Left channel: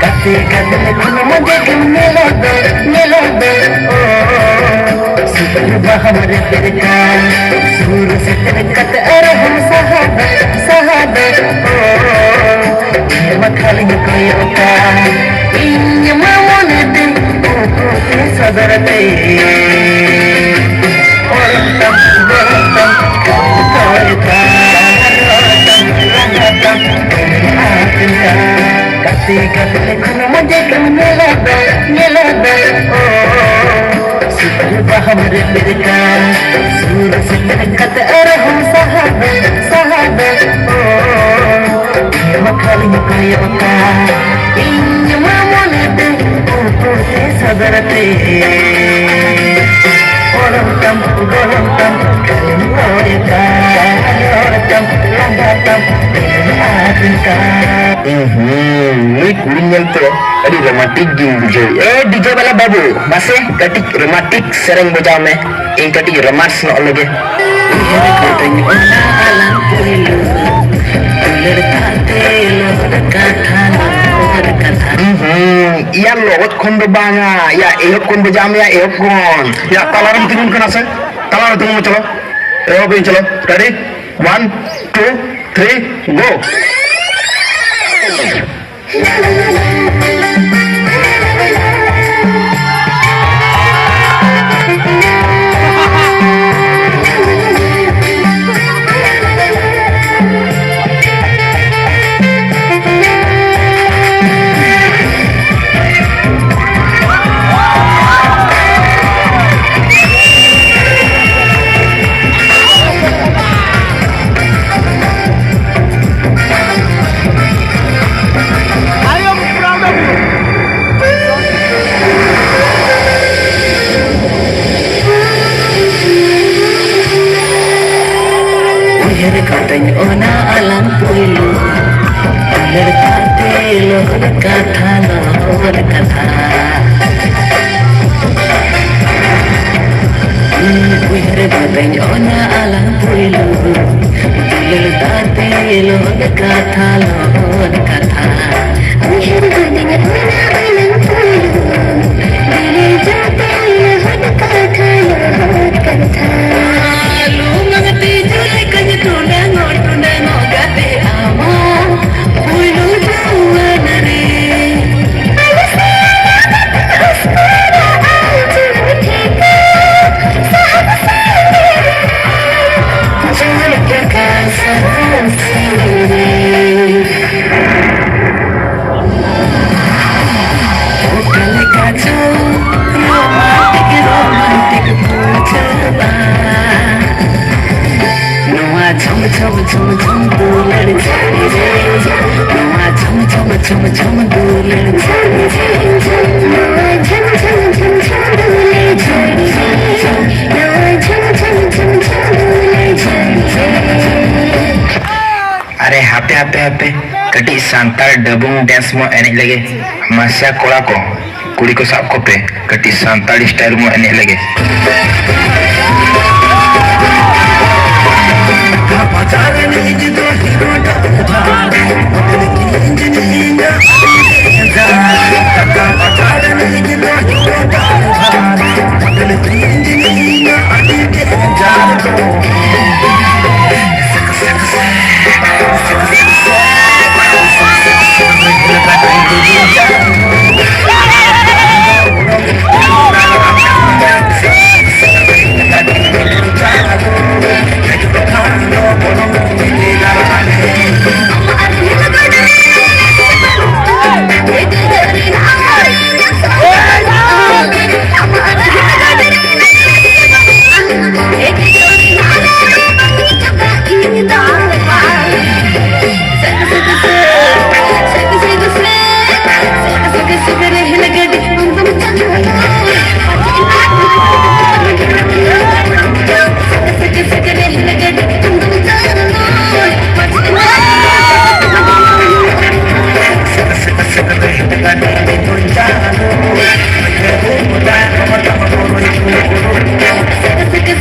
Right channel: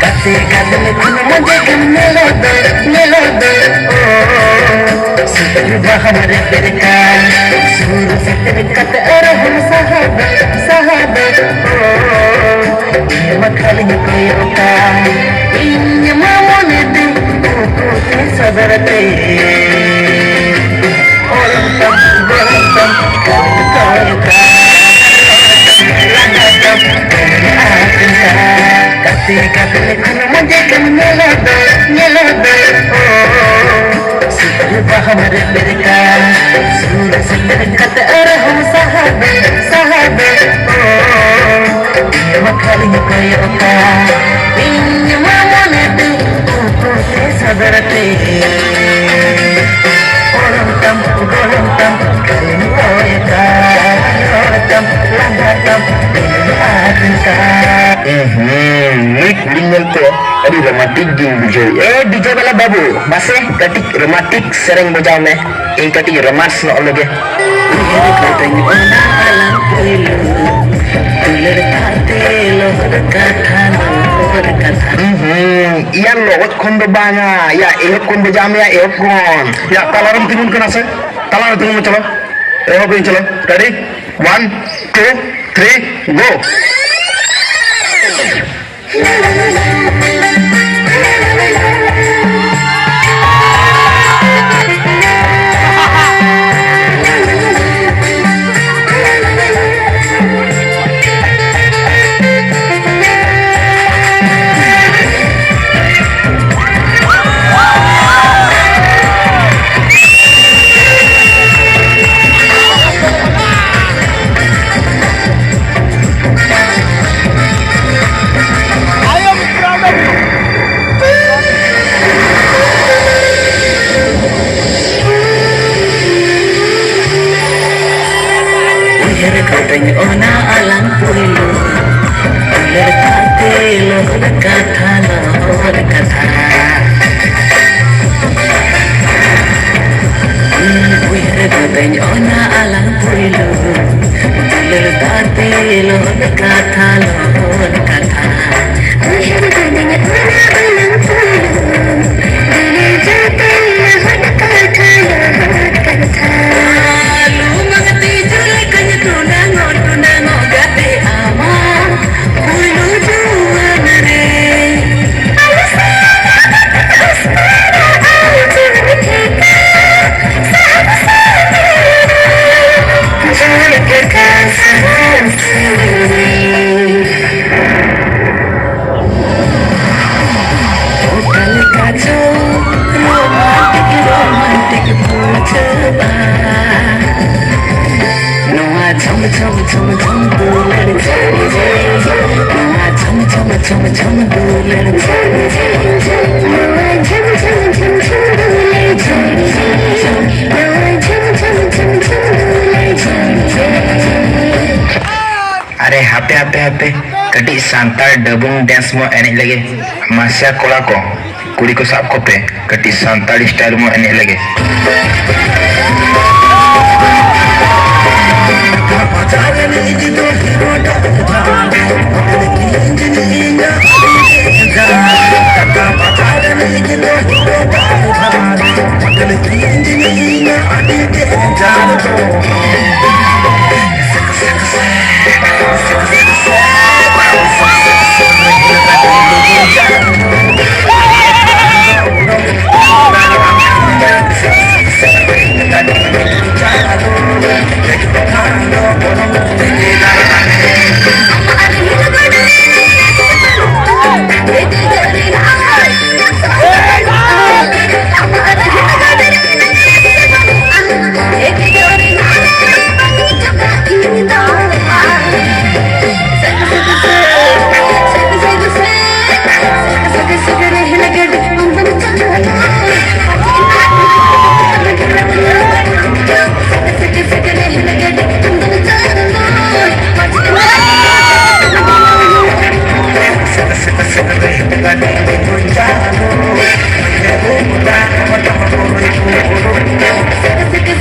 Kate kate khun mujhe tum mila do oh sutra hamare tere ka sur satr kat aur hum sahad oh makhali koyo ka in mamone de oh te sadarate olam tam koyo ka Kate kate khun mujhe tum mila do oh sutra hamare tere ka sur satr kat aur hum sahad oh makhali koyo ka in mamone de oh te sadarate olam tam kalin koyo ka olam tam ini kulingan tu ada romantik DJ. DJ bala babu, masih katik romantik sering bojau me. Ini katik romans no lagi. Iya lot kondo banga, ya ehok kondo jam ya ehok kon. Ya talar itu kan kena se, talar itu mau calo, ehok ini calo. Ready? 1, 2, 3, go. Katanya ona alam pulu Alar kate lo kata lo kata Katanya ona alam pulu Alar kate lo kata lo kata Katanya ona alam pulu Alar kate lo kata lo kata Are hape kati santal dabung dance mo enek lagi masa kola ko kuri ko sab ko pe kati santal style mo enek lagi Segala